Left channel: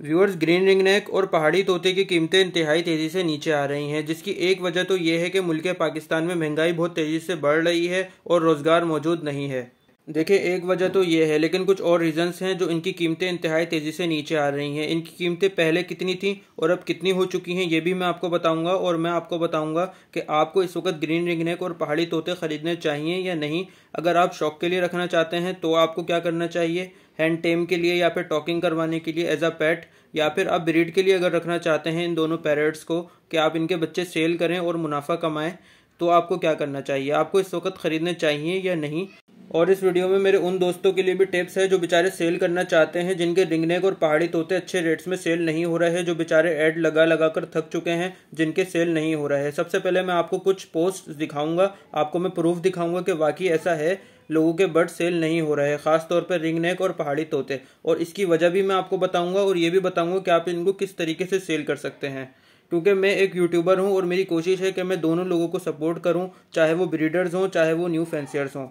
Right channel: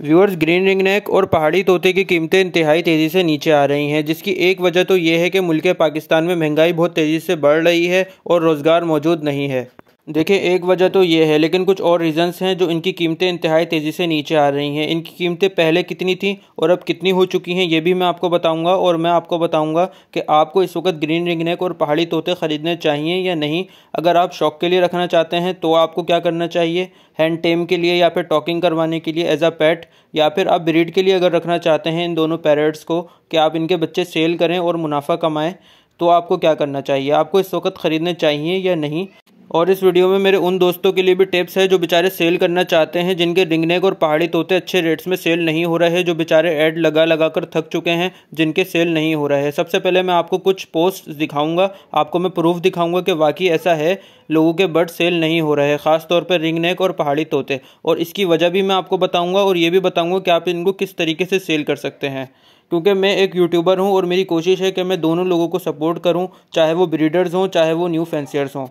Viewers, green ring neck और पहाड़ी तोते की कीमतें इंतहाई तेज़ी से नीचे आ रही हैं, जिसकी एक वजह तो ये है कि मुल्क पाकिस्तान में महंगाई बहुत तेज़ी से बढ़ रही है और रोज़गार मौजूद नहीं है। देखिए, एक वजह तो ये है, लेकिन कुछ और रीज़न्स हैं जो इनकी कीमतें इंतहाई तेज़ी से नीचे आ रही हैं। इनकी कीमतें पहले कितनी थी और अब कितनी हो चुकी हैं, ये भी मैं आपको बताऊंगा। और मैं आपको बताऊंगा कि आपको इस वक्त ग्रीन रिंग नेक और पहाड़ी तोते ख़रीदने चाहिए या नहीं। अगर आप शौक़ के लिए रखना चाहते हैं तो आपको क्या करना चाहिए, हैंड टेम के लिए या फिर टॉकिंग करवाने के लिए एज अ पेट, या फिर आप ब्रीड के लिए अगर रखना चाहते हैं इन दोनों पैरट्स को कि आप इनके बच्चे सेल करें और मुनाफा कमाएं, तो आपको क्या करना चाहिए, आपको इस वक्त ख़रीदने चाहिए या नहीं। और इस वीडियो में मेरे उन दोस्तों के लिए भी टिप्स है जो बेचारे सेल करना चाहते हैं, जिनके रिंग नेक और पहाड़ी तोते अच्छे रेट्स में सेल नहीं हो रहे, जो बेचारे ऐड लगा लगा कर थक चुके हैं, जिनके सेल नहीं हो रहे हैं। सबसे पहले मैं आपको कुछ पोस्ट दिखाऊंगा, आपको मैं प्रूफ दिखाऊंगा कि वाकई ऐसा है, लोगों के बर्ड सेल नहीं हो रहे हैं, ख़ास तौर पर रिंग नेक और पहाड़ी तोते। और इसकी वजह भी मैं आपको बताऊँगा और ये भी बताऊँगा कि आप इनको किस तरीके से सेल कर सकते हैं। क्योंकि मैं एक यूट्यूबर हूँ और मेरी कोशिश है कि मैं दोनों लोगों को सपोर्ट करूँ, चाहे वो ब्रीडर्स हों चाहे वो न्यू फैंसियर्स हों।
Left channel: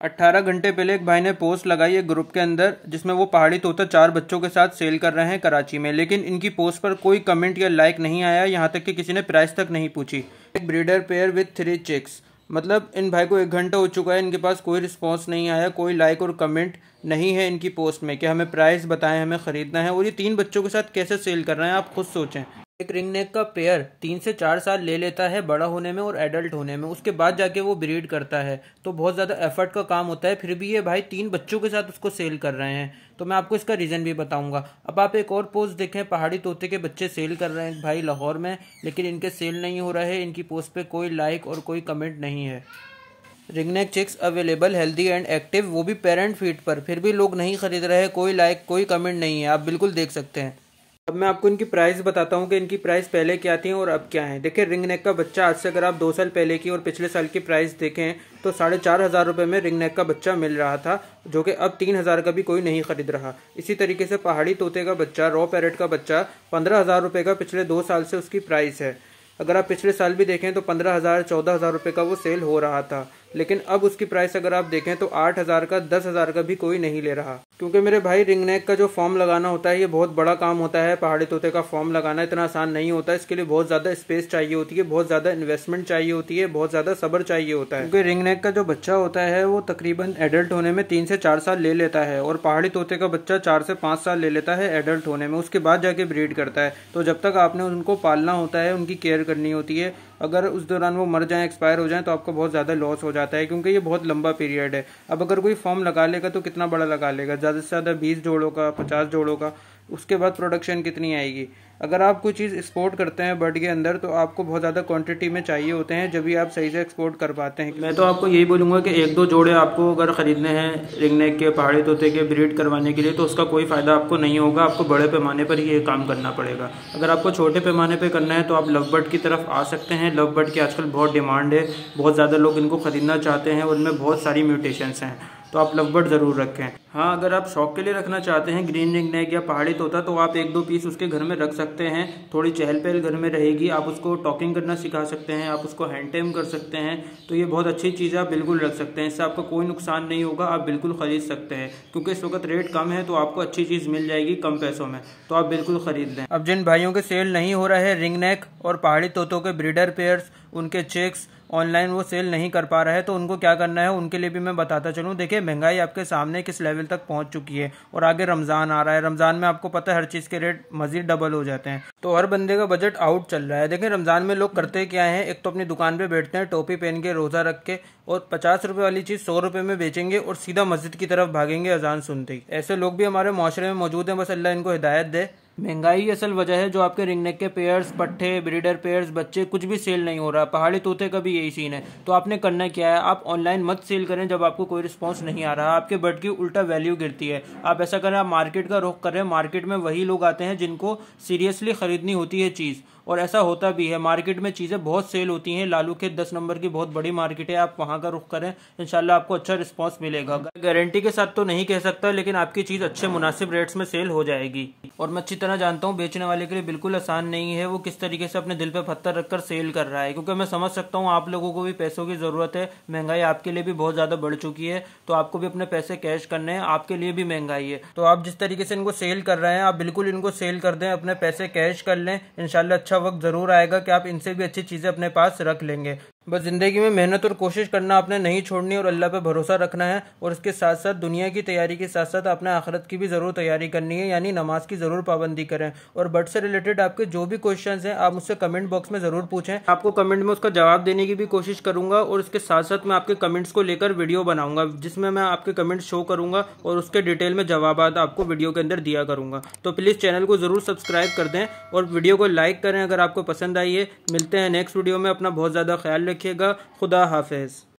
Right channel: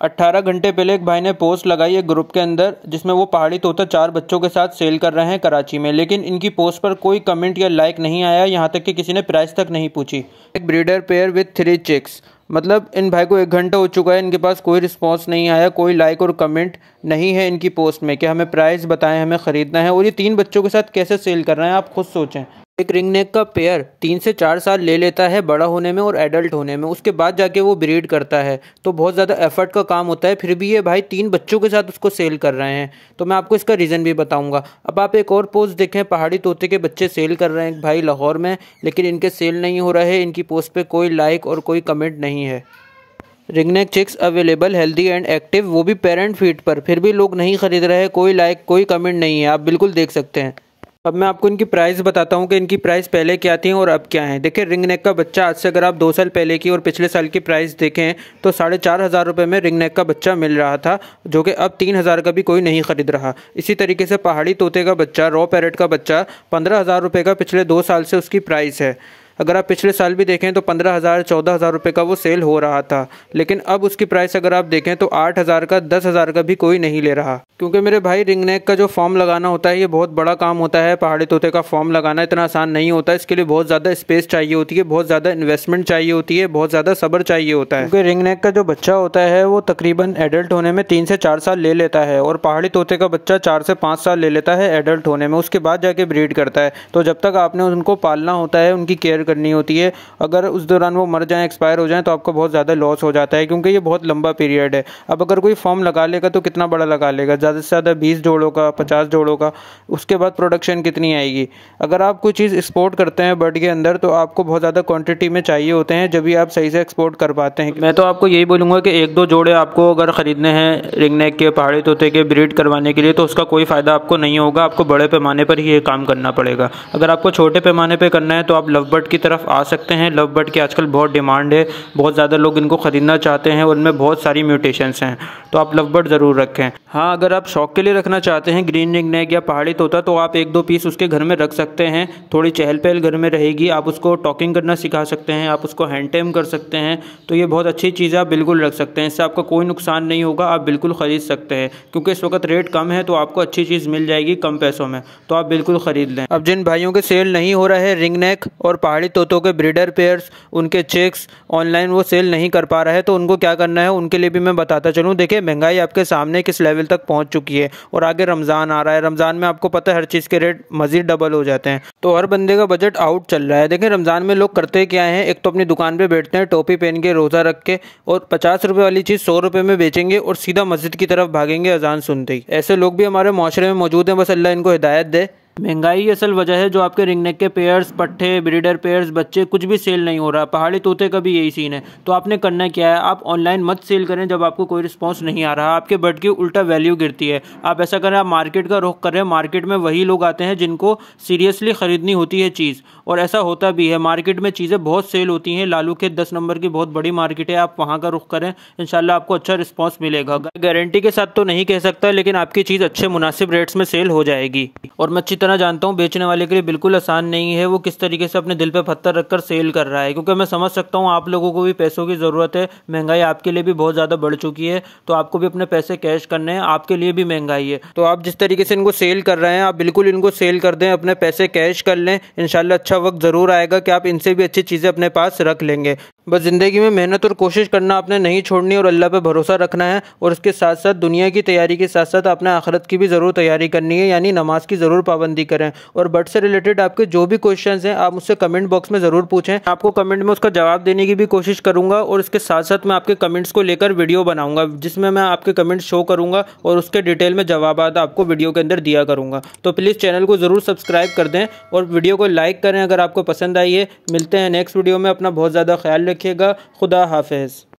18 घंटे पहले एक भाई ने पोस्ट लगाई है ग्रुप के अंदर, जिसमें वो पहाड़ी तोता 4 बच्चों के साथ सेल कर रहे हैं कराची में, लेकिन इनकी पोस्ट पर कोई कमेंट या लाइक नहीं आया, यहाँ तक कि किसी ने प्राइस तक नहीं पूछी। एक ब्रीडर पेयर विथ 3 चिक्स, मतलब इन भाई को 1 घंटा हो चुका है, इनके पास कोई रिस्पॉन्स नहीं आया, कोई लाइक और कमेंट नहीं है इनकी पोस्ट में कि हमें प्राइस बताएं, हमें ख़रीदना है। और ये 3 बच्चों के साथ कैसे सेल कर रहे हैं, आप खुद सोचें। एक रिंग नेक का पेयर 3 से 4 साल ले लेता है बड़ा होने में और एडल्ट होने में, उसके बाद जाके वो ब्रीड करता है, तो बहुत ज़्यादा एफर्ट का काम होता है। फिर भी ये भाई 3 बच्चों के साथ उसको सेल कर रहे हैं, तो मैं आपको इसका रीज़न भी बताऊंगा। अब आप एक और पोस्ट देखें, पहाड़ी तोते के बच्चे सेल कर रहे हैं भाई लाहौर में, लेकिन इनके सेल नहीं हो रहे, इनकी पोस्ट पर कोई लाइक और कोई कमेंट नहीं है। Ring neck chicks available, healthy and active, वो भी पेरेंट फीड पर, फिर भी लोग नहीं खरीद रहे, कोई लाइक कोई कमेंट नहीं है, आप बिल्कुल देख सकते हैं। अब मैं आपको इनकी प्राइस बताता हूँ कि इनकी प्राइस पहले क्या थी और अब क्या है। देखिए, रिंग नेक का बच्चा आज से अगर आप 2 साल पहले की और पिछले साल की प्राइस देखें तो 4,500 रुपये में रिंग नेक का बच्चा मिल रहा था, जो कि अब 3,000 का भी कोई नहीं खरीद रहा। इसी तरीके से पहाड़ी तोते का बच्चा, रॉ पैरेट का बच्चा 15,000 रुपये का पिछले 2 साल से उसकी प्राइस है। अगर आप पिछले साल भी देखें तो 15,000 14,000 रुपये का वो सेल हो रहा था, लेकिन अब उसकी प्राइस अगर आप देखें तो 8,000 का 10,000 का भी कोई नहीं ले रहा। क्योंकि मेरे भाई, रिंग नेक का जो फॉर्म लगाना होता है ये बहुत बड़ा काम होता है, पहाड़ी तोते का फॉर्म लगाना इतना आसान नहीं होता है। इसके लिए बहुत ज़्यादा स्पेस चाहिए होती है, बहुत ज़्यादा इन्वेस्टमेंट चाहिए होती है, बहुत ज़्यादा सब्र चाहिए होता है। क्योंकि रिंग नेक का जो बच्चा होता है वो तकरीबन एडल्ट होने में 3 से 4 साल ले लेता है, और पहाड़ी तोते का बच्चा 4 से 5 साल ले लेता है एडल्ट होने में, उसके बाद जाके ब्रीड करता है। तो जब तक आपने उनको पालना होता है, उनकी केयर करनी होती है, अगर उस दौरान वो मर जाएं, एक्सपायर हो जाएं, तो आपको बहुत ज़्यादा लॉस हो जाता है, क्योंकि ये बहुत लंबा पीरियड है। अब अगर कोई फॉर्म लगा लेगा तो कितना बड़ा लगा लेगा, ज़्यादा से ज़्यादा 20 जोड़ों का, 50 जोड़ों का, उसके बाद प्रोडक्शन कितनी आएगी। अगर आप कोई चीज़ एक्सपोर्ट करते हैं बर्ड के अंदर तो आपको बहुत ज़्यादा क्वांटिटी में चाहिए होते हैं, जब भी आप सही से एक्सपोर्ट कर पाते हैं। मैं तो आपको यही बोलूँगा कि 1-2 जोड़े आपको अगर ख़रीदने हैं रिंग नेक के, पहाड़ी तोते के ब्रीड करवाने के लिए, तो उसका कोई फ़ायदा आपको नहीं होगा, आपको बड़े पैमाने पर ही ये काम करना पड़ेगा। अगर आपको छोटे पैमाने पर करना है तो आप लव बर्ड की तरफ आ सकते हैं। लव बर्ड की आजकल बहुत डिमांड है, बहुत ज़्यादा लोग इनको ख़रीदना चाहते हैं, उनमें बहुत सारी म्यूटेशंस हैं, तो आप लव बर्ड ज़रूर रखें। हाँ, अगर आप शौक़ के लिए रखना चाहते हैं ग्रीन रिंग नेक या पहाड़ी तोता, तो आप 1-2 पीस उसके घर में रख सकते हैं, थोड़ी चहल पहल घर में रहेगी, आप उसको टॉकिंग करना सिखा सकते हैं, आप उसको हैंड टेम कर सकते हैं, तो ये बहुत अच्छी चीज़ है, आप बिल्कुल रख सकते हैं, इससे आपका कोई नुकसान नहीं होगा, आप बिल्कुल ख़रीद सकते हैं। क्योंकि इस वक्त रेट कम है तो आपको अच्छी चीज़ मिल जाएगी कम पैसों में, तो आप बिल्कुल ख़रीद लें। अब जिन भाइयों के सेल नहीं हो रहे रिंग नेक और पहाड़ी तोतों के ब्रीडर पेयर्स, उनके चिक्स ऑनलाइन वो सेल नहीं कर पा रहे हैं, तो उनको क्या करना है उनके लिए भी मैं बताता चलूँ। देखिए, महंगाई आपके सामने किस लेवल तक पहुंच चुकी है, और आगे रमज़ान आ रहा है, रमज़ान में आपको पता है हर चीज़ के रेट मज़ीद डबल हो जाते हैं, तो हर बंदे का बजट आउट चल रहा है। देखिए, रमज़ान में लोग करते क्या हैं, एक तो अपनी दुकान पे बैठते हैं टोपी पहन के, रोज़ा रख के, और 50 रुपये वाली चीज़ 100 रुपये में बेचेंगे और सीधा मस्जिद की तरफ भागेंगे अजान सुनते ही। ऐसे लोग भी हमारे माशरे में मौजूद हैं, बस अल्लाह इनको हिदायत दे। महंगाई असल वजह है जो आपके रिंग नेक के पेयर्स, पट्टे, ब्रीडर पेयर्स, बच्चे कुछ भी सेल नहीं हो रहा। पहाड़ी तोते का भी यही सीन है। तो आपने करना क्या है, आप ऑनलाइन मत सेल करें जब आपको कोई रिस्पांस नहीं आ रहा, आपके बर्ड की उल्टा वैल्यू गिरती है। आप ऐसा करें, आप मार्केट का रुख करें, मार्केट में वही लोग आते हैं जिनको सीरियसली ख़रीदनी होती है चीज़, और ऐसा होता भी है। मार्केट में चीज़ें बहुत सेल होती हैं, लालू के 10 नंबर की बहुत बड़ी मार्केट है, आप वहाँ का रुख करें, इंशाल्लाह आपको अच्छा रिस्पांस मिलेगा। गारंटी के साथ तो नहीं कह सकता, लेकिन आपकी चीज़ अच्छे मुनासिब रेट्स में सेल हो जाएगी। और मैं अच्छी तरह जानता हूँ बेचने वाले के लिए बिल्कुल आसान नहीं है, वो किस तरीके से अपने दिल पे पत्थर रखकर सेल कर रहा है, क्योंकि मैं समझ सकता हूँ आप लोगों को भी पैसों की ज़रूरत है, महंगाई आपके लिए भी बहुत ज़्यादा बढ़ चुकी है, तो आपको भी अपने पैसे कैश करने हैं, आपके लिए भी महंगाई है। तो आप जिस तरीके से इनको सेल कर रहे हैं आप बिल्कुल इनको सेल कर दें, अपने पैसे कैश कर लें, इंशाल्लाह अच्छा वक्त ज़रूर आएगा कि आप इनसे भी अच्छी चीज़ें अपने पास रख लेंगे। बस ज़िंदगी में मेहनत और कोशिश करना आपने नहीं छोड़नी और अल्लाह पे भरोसा रखना है, और उसके साथ साथ दुनिया की तैयारी के साथ साथ अपने आखिरत की भी ज़रूर तैयारी करनी है, यानी नमाज की ज़रूर पाबंदी करें। और बट से रिलेटेड आपके जो भी क्वेश्चंस हैं आप मुझसे कमेंट बॉक्स में ज़रूर पूछें, आपको कमेंट में उसका जवाब देने की भी कोशिश करूँगा, और इसके साथ साथ मैं आपके कमेंट्स को लेकर वीडियो बनाऊँगा जिसमें मैं आपके कमेंट्स शो करूँगा और उसके डिटेल में जवाब आपको वीडियो के अंदर दिया करूँगा। तो प्लीज़ चैनल को ज़रूर सब्सक्राइब कर दें और वीडियो को लाइक करें अगर आपको पसंद आई है। मिलते हैं नेक्स्ट वीडियो में, अपना बहुत ज़्यादा ख्याल रखिएगा। खुदा हाफिज़।